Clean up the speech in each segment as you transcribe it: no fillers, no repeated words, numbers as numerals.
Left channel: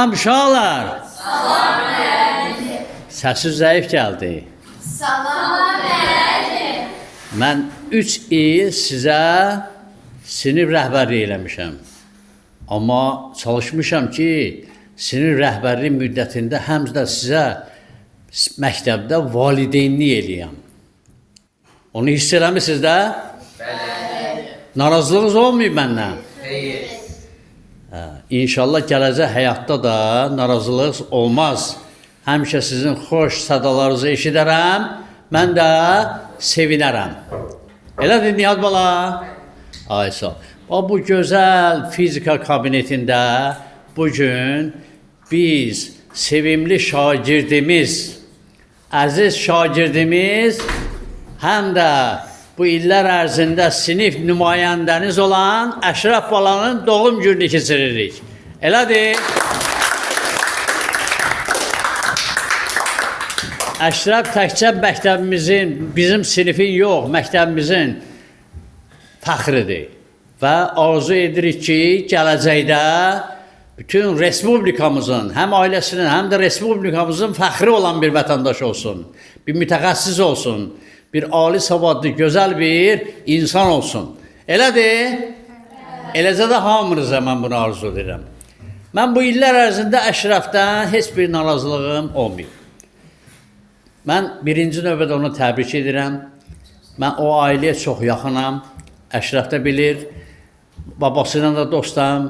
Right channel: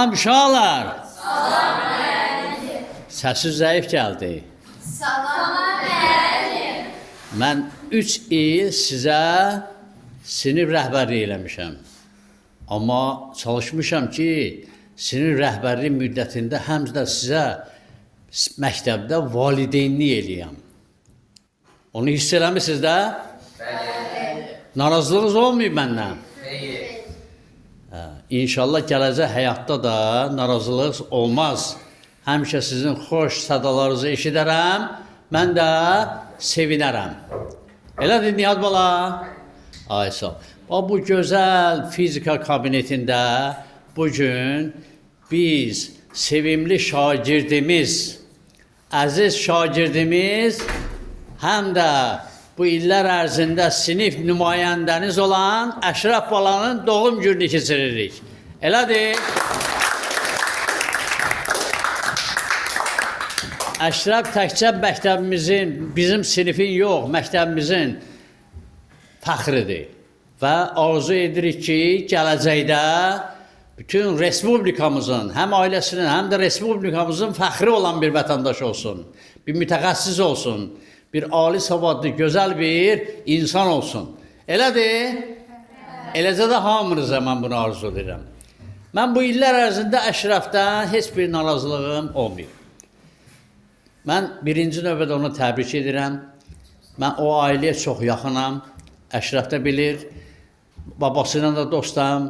Salam uşaqlar. Salam müəllim. Səsi zəif gəldi. Salam müəllim. Mən 3 il sizə sinif rəhbərliyi eləmişəm. Amma çalışmışam ki, sinif rəhbərliyi müddətində həm də sizə məktəbdə valideynlik eləyəm. Onu hiss eləmisiniz də? Bəli. Narazılığınız olmayıb məndən? Xeyr. İnşallah gələcək həyatda da narazılıq olmaz. Həmişə sizin xoş sədalarınızı eşidərəm, mən də sevinərəm. Elədir Niyaz bala? Ay sağ ol. Bu gözəl fizika kabinetində bugün biz sevimli şagirdimiz, əziz şagirdimiz, həm də bu illər ərzində sinif nümayəndəniz olan Əşrəf balanın doğum gününü keçiririk. Elədir? Əşrəf təkcə məktəbimizin, bizim sinifin yox, məktəbimizin fəxridir. Və arzu edirik ki, gələcəkdə bütün respublikamızın, həm ailəsinin, həm də respublikamızın fəxri olan bir vətəndaş olsun, bir mütəxəssis olsun, bir ali savadlı, gözəl bir insan olsun. Elədir? Eləcə də hamınıza mən bunu arzu edirəm. Mən bu illər ərzində Əşrəfdən heç bir narazılığım olmayıb. Mən birinci növbədə onu təbrik edirəm. Mən o ailəyə çox yaxınam. Əşrəf də bilir. Babasıyla da dostam.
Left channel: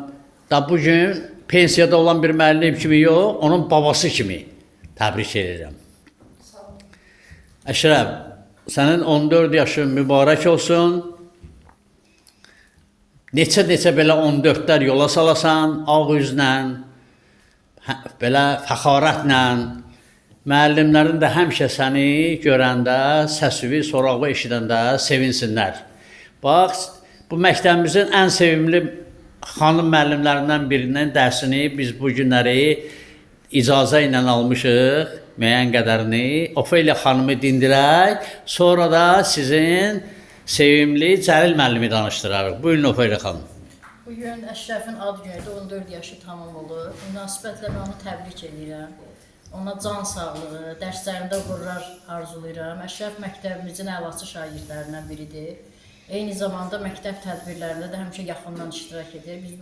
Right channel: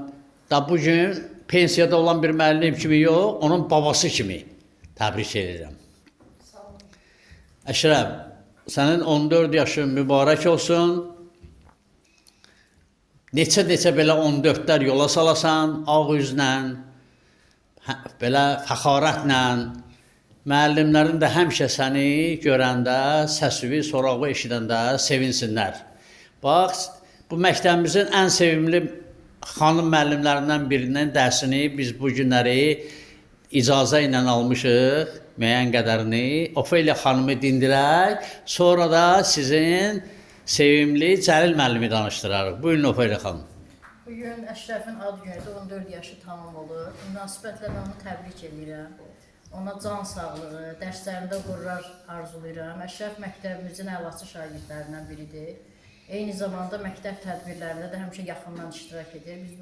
Da bugün pensiyada olan bir müəllim kimi yox, onun babası kimi təbrik edirəm. Əşrəf, sənin 14 yaşın mübarək olsun. Neçə belə 14-lər yola salasan, ağ üzlə, belə fəxarətlə. Müəllimlərin də həmişə səni görəndə, səsivi, sorağı eşidəndə sevinsinlər. Bax, bu məktəbimizin ən sevimli xanım müəllimlərindən birinin dərsini biz bu günləri icazə ilə almışıq. Müəyyən qədərini Ofeliya xanımı dindirək, sonra da sizin sevimli Cəlil müəllimi danışdırarıq. Buyurun Ofeliya xanım. Bugün Əşrəfin ad günüdür, 14 yaşı tamam olur. Münasibətlə mən onu təbrik edirəm. Ona can sağlığı, dərslərində uğurlar arzulayıram. Əşrəf məktəbimizin əlaçı şagirdlərindən biridir. Eyni zamanda məktəb tədbirlərində də həmişə yaxından iştirak edir. Biz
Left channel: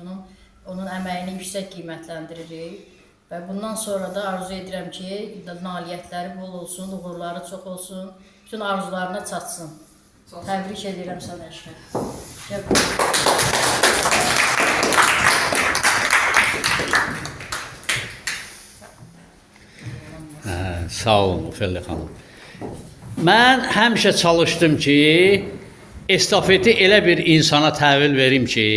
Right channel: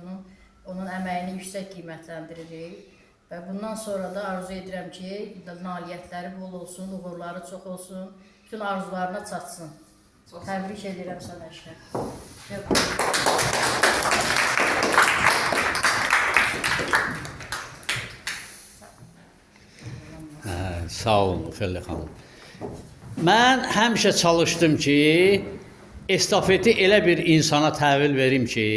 onun əməyini yüksək qiymətləndiririk. Və bundan sonra da arzu edirəm ki, nailiyyətləri bol olsun, uğurları çox olsun, bütün arzularına çatsın. Təbrik edirəm sənə Əşrəf. Sağ olun Ofeliya xanım. Mən həmişə çalışdım ki, estafeti elə bir insana təhvil verim ki,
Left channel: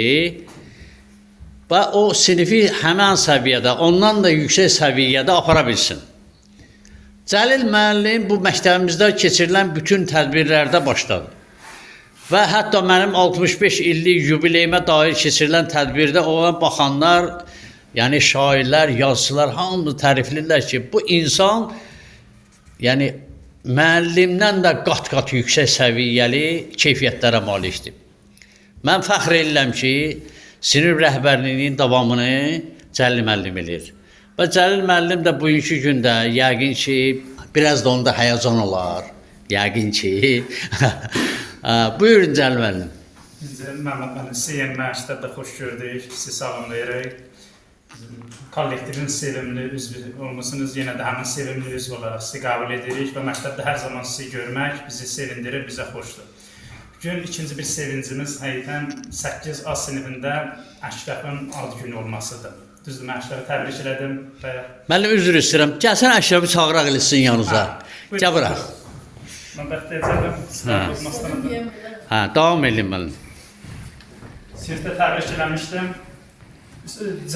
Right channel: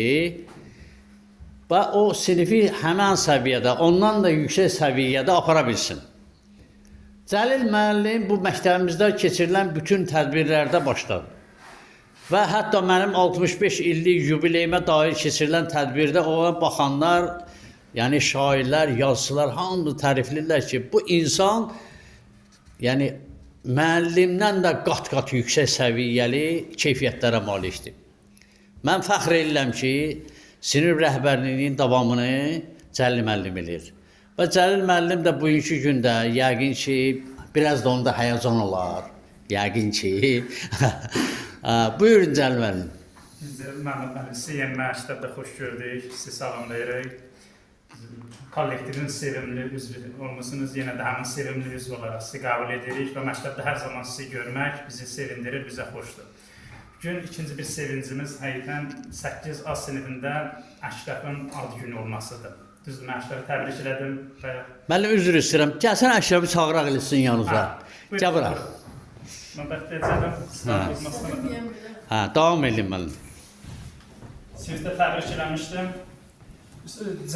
və o sinifi həmən səviyyədə, ondan da yüksək səviyyədə apara bilsin. Cəlil müəllim bu məktəbimizdə keçirilən bütün tədbirlərdə başladı. Və hətta mənim 65 illik yubileyimə dair keçirilən tədbirdə olan baxanlar, yəni şairlər, yazıçılar hamı təriflirlər ki, bu insan yəni müəllimdən də qat-qat yüksək səviyyəli keyfiyyətlərə malikdir. Mən fəxr edirəm ki, sinif rəhbərliyinin davamını Cəlil müəllim edir. Və Cəlil müəllim də bugünkü gündə yəqin ki, biraz da onda həyəcan olar. Yəqin ki. Buyurun Cəlil müəllim. Biz Məhəmməd müəllim CM məktəbdə xoş gördük, sizi salamlayırıq. Kollektivin sevimli üzvü olmusunuz, yenə də həmin sevimli üzv olaraq sizi qəbul edirik və məktəbdə hər zaman sizi görmək bizi sevindirir, bizə xoşdur. Bugün ikinci bir sevincimiz həqiqətən 8A sinifində Əşrəfin ad günü olmasıdır. Düzdür, mən Əşrəfi təbrik elədim. Müəllim, üzr istəyirəm. Gəlsən Əşrəfi çağıraq eləsin yanınıza. Gəl bura. Mən bəxtiyəcəm. Davam edin müəllim. Sinifdə təbrik eləmişdim.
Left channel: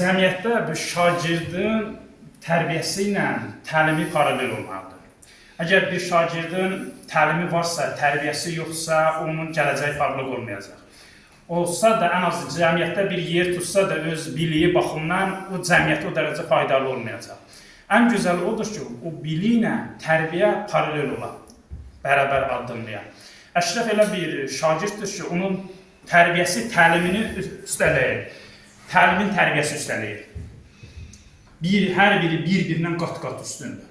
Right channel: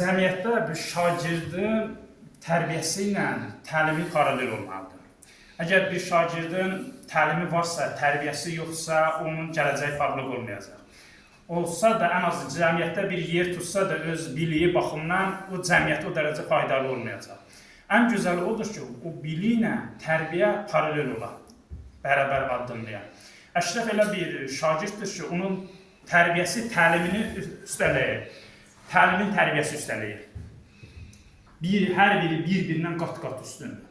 Cəmiyyətdə bu şagirdin tərbiyəsi ilə təlimi paralel olmalıdır. Əgər bir şagirdin təlimi varsa, tərbiyəsi yoxsa, onun gələcəyi parlaq olmayacaq. Olsa da, ən azı cəmiyyətdə bir yer tutsa da öz biliyi baxımdan o cəmiyyətə o dərəcə faydalı olmayacaq. Ən gözəli odur ki, o biliyi ilə tərbiyə paralel olan, bərabər addımlayan. Əşrəf elə bir şagirddir ki, onun tərbiyəsi təlimini üstələyir. Təlimin tərbiyəsi üstələyir. hər biri bir-birindən qat-qat üstündür.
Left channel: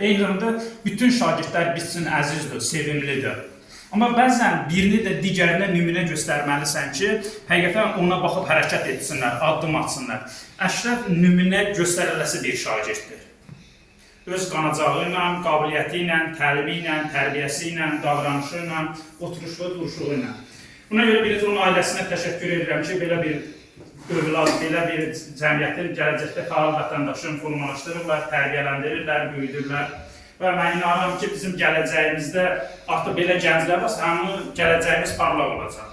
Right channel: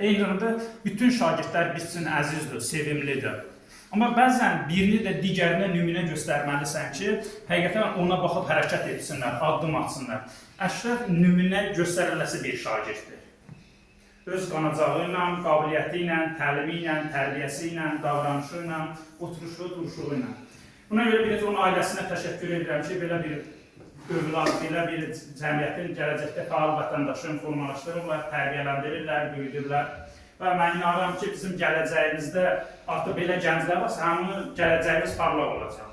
Eyni zamanda bütün şagirdlər biz üçün əzizdir, sevimlidir. Amma bəzən birini də digərinə nümunə göstərməlisən ki, həqiqətən ona baxıb hərəkət etsinlər, addım atsınlar. Əşrəf nümunə göstəriləsi bir şagirddir. Öz qanacağı ilə, qabiliyyəti ilə, təlimi ilə, tərbiyəsi ilə, davranışı ilə, oturuşu, duruşu ilə. Buna görə bir onun ailəsinə təşəkkür edirəm ki, belə bir övlad, belə bir cəmiyyətin gələcəkdə fəal vətəndaşını formalaşdırırlar, tərbiyələndirirlər, böyüdürlər. Və mən inanıram ki, bizim gələcəyimizdə artıq belə gənclər varsa, həmin gələcəyimiz parlaq olacaq.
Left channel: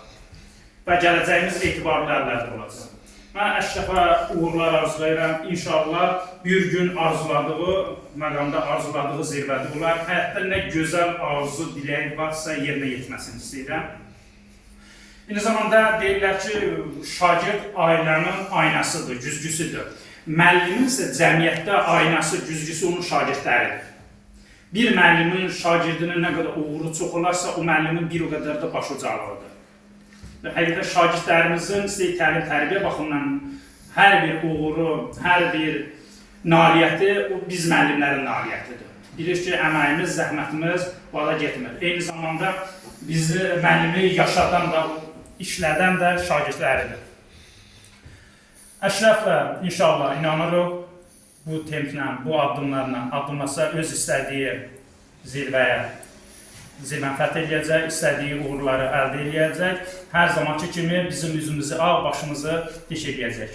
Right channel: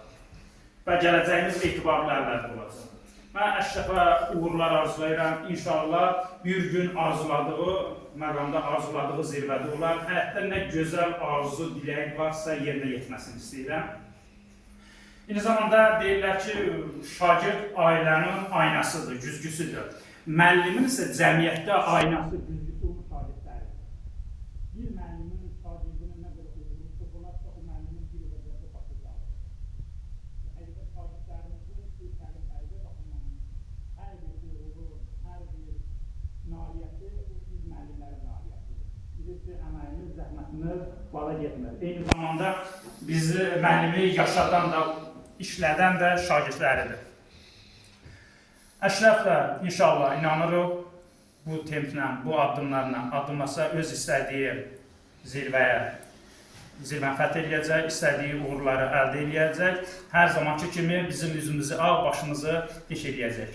Və gələcəyimiz etibarlı əllərdə olacaq. Mən Əşrəfə uğurlar arzulayıram. İnşallah bir gün arzuladığı, məqamda arzuladığı zirvədə olar. Həyatda nə gözəl arzu, dilək varsa yerinə yetməsini istəyirəm. Eyni zamanda deyirlər ki, şagird ailənin aynasıdır, güzgüsüdür. Müəllimin isə cəmiyyətdə aynası, güzgüsü onun şagirdləridir. Bir müəllimin şagirdinin nə qədər uğuru çox olarsa, o müəllimin bir o qədər də başucalığıdır. Və həqiqətən şagirdlərimizin istəyik təlim tərbiyə baxımından hər bir uğuru, hər bir nailiyyəti o biz müəllimlərin nailiyyətidir. Bilirik ki, əməyimiz, zəhmətimiz vada getmir. Eyni zamanda bizi müəllimi yaşadan da, işlədən də şagirdləridir. Əşrəf də inşallah inanırıq, bu templə, bu addımlarla addımlasa öz istədiyi zirvəni fəth edəcək, istədiyi uğurları əldə edəcək. Hər zamanki kimi bizim üzümüzü, başımızı diş edəcək.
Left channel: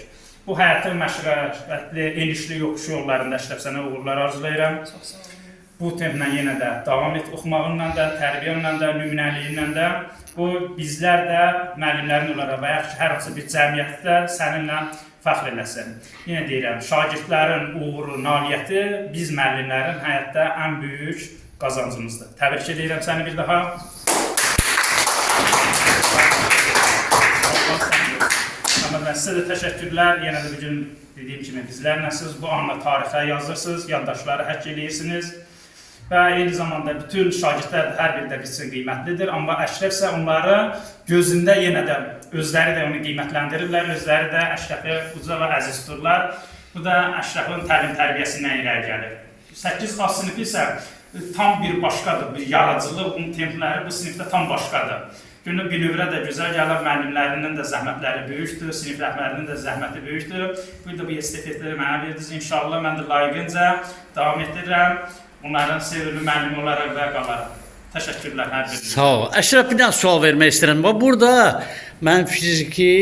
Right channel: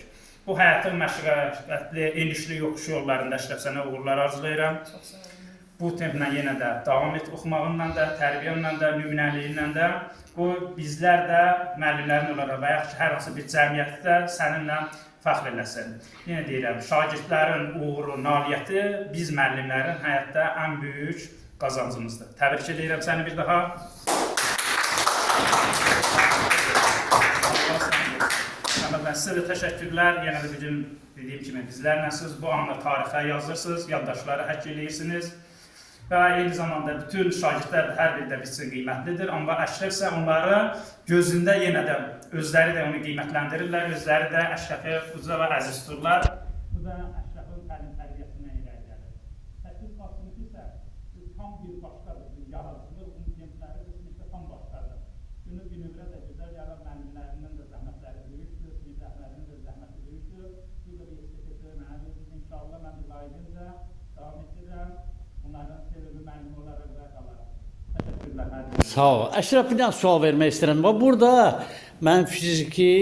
Bu həyatın məşəqqətli, enişli yoxuş yollarında Əşrəf sənə uğurlar arzulayıram. Bu templə yenə də davam et, oxumağınla da, tərbiyənlə də, nümunəliyinlə də. Bu bizlər də müəllimlərin olaraq və yaxud hər hansı bir cəmiyyətdə səninlə fəxr eləsin. Yenə deyirəm, şagirdlərin uğuru, nailiyyəti biz müəllimlərin həyatda ən böyük qazancımızdır. Təbrik edirəm səni bir daha. Sizə də təşəkkürlər. Yenə də bugün dediyim kimi bizlərlə siz bu anla tarixə yazırsınız, yaddaşları həkk edirsiniz. Və eyni zamanda bütün şagirdlər hər biri də bizim qiymətlidir. Amma Əşrəf isə onları gözündə yenə də özləri də onu qiymətləndirirlər, özləri də Əşrəfi uca və əziz tuturlar. Bu da Əşrəfin təlim tərbiyəsindən irəli gəlir. 8A sinifi isə tam bir başqadır, bir yaradıcılıq, bunun templəri bu sinifdə tam başqadır. Günlük bünövrə də gözəl gəlir, müəllimlərinin də zəhmətləri böyükdür, sinif rəhbərinin də zəhməti böyükdür. Bu da bu estafetləri mənə verdiniz. İnşallah mən də layiqincə davam etdirirəm. Onların sevimli müəllimi olaraq və qalarım. Təşəkkürlər hər birinizə. Sağ ol. Əşrəf, bir dənə sual vermək istəyirəm. Burada mən fiziki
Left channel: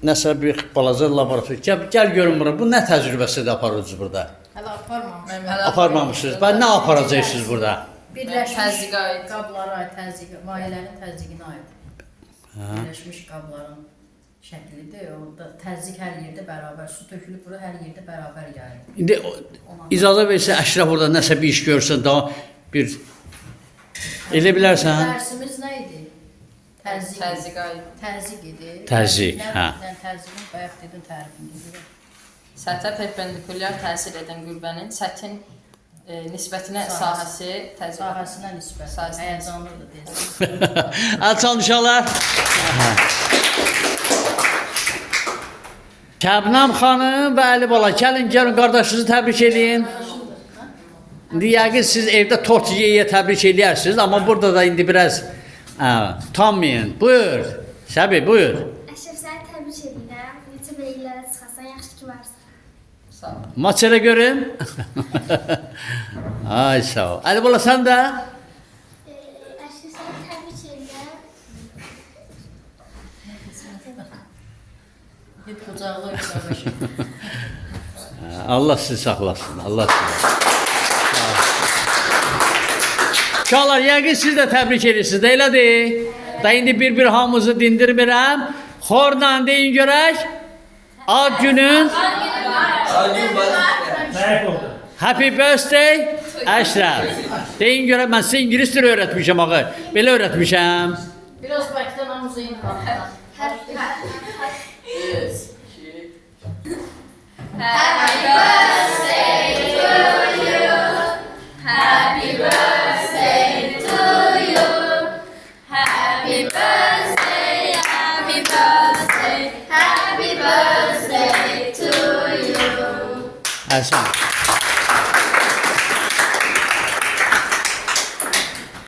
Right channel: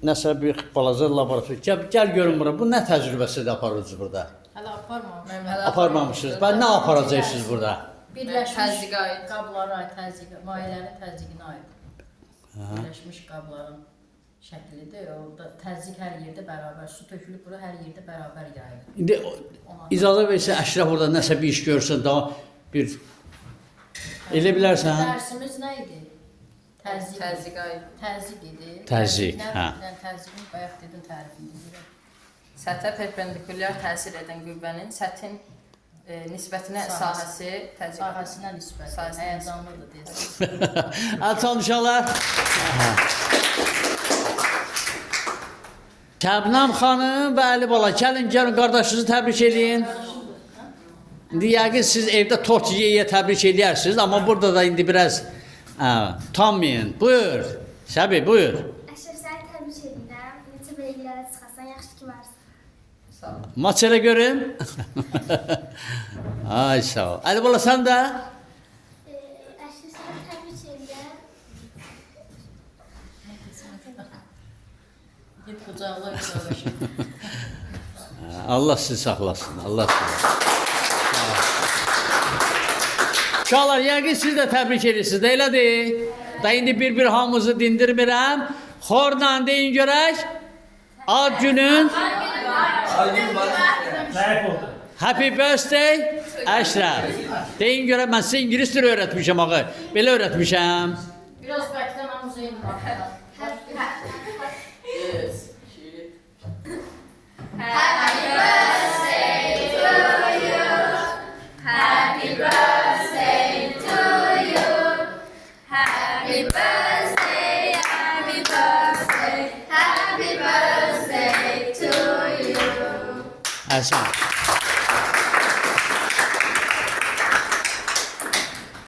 nəsə bir balaca laborator. Gəl görün bura. Bu nə təcrübəsidir aparırsınız burada? Hələ aparmamışıq. Aparmamışsınız. Nə aparacaqsınız burada? Birləşmiş qablara aid təzyiq, ailənin təzyiqinə aid. Birləşmiş qabların şəklidir. Orada təzyiq hər yerdə bərabər, su tökülüb bura hər yerdə bərabər yayılır. İndi icazə versə Əşrəf orada nəsə bir iş görsən, daha bir elə bilərsən? Dərsimiz nə idi? Təzyiq idi. Təzyiq, hə. Təzyiqin bayaq dedim tərifini. Səthə perpendikulyar təsir edən qüvvənin sətin nisbətinə sahəsi təzyiq. Sahəsinə nisbət. Həyəcanlıdır deyəsən. Hadi çalışarlar. Kəbnam xanım və Əli bala, gəlin qardaşınızı təbrik edin. İndi yəqin siz evdə tort yeyə təbrik edərsiniz, amma burada da indi biraz utanmayın. Buyur. Səbi, buyur. Əşrəf, səni təbrik edirəm. YouTube illərə çıxasan, yaxşı ki varsan. Sağ ol. Maç elə görüm. Ay sağ ol. Əli bala, sən də? Əşrəf, səni təbrik edirəm. Git qucaqla qardaşım. Allah sizi saxlasın. Allah saxlasın. Uşaqlar, yəqin siz də təbrik edirsiniz, də elədir. Da indi bir-bir hamımızı dindirmirəm. Xorla deyin görək. Ad günün. Nəyə oldu? Happy birthday Əşrəf. Deyin görək, mən sizə ingilis dili öyrətmişəm ağı. Belə öyrətmişəm. Biraz bəkdən hamızayın baxdan. Happy birthday to you. Happy birthday to you. Happy birthday, happy birthday, happy birthday to you. Əhsən.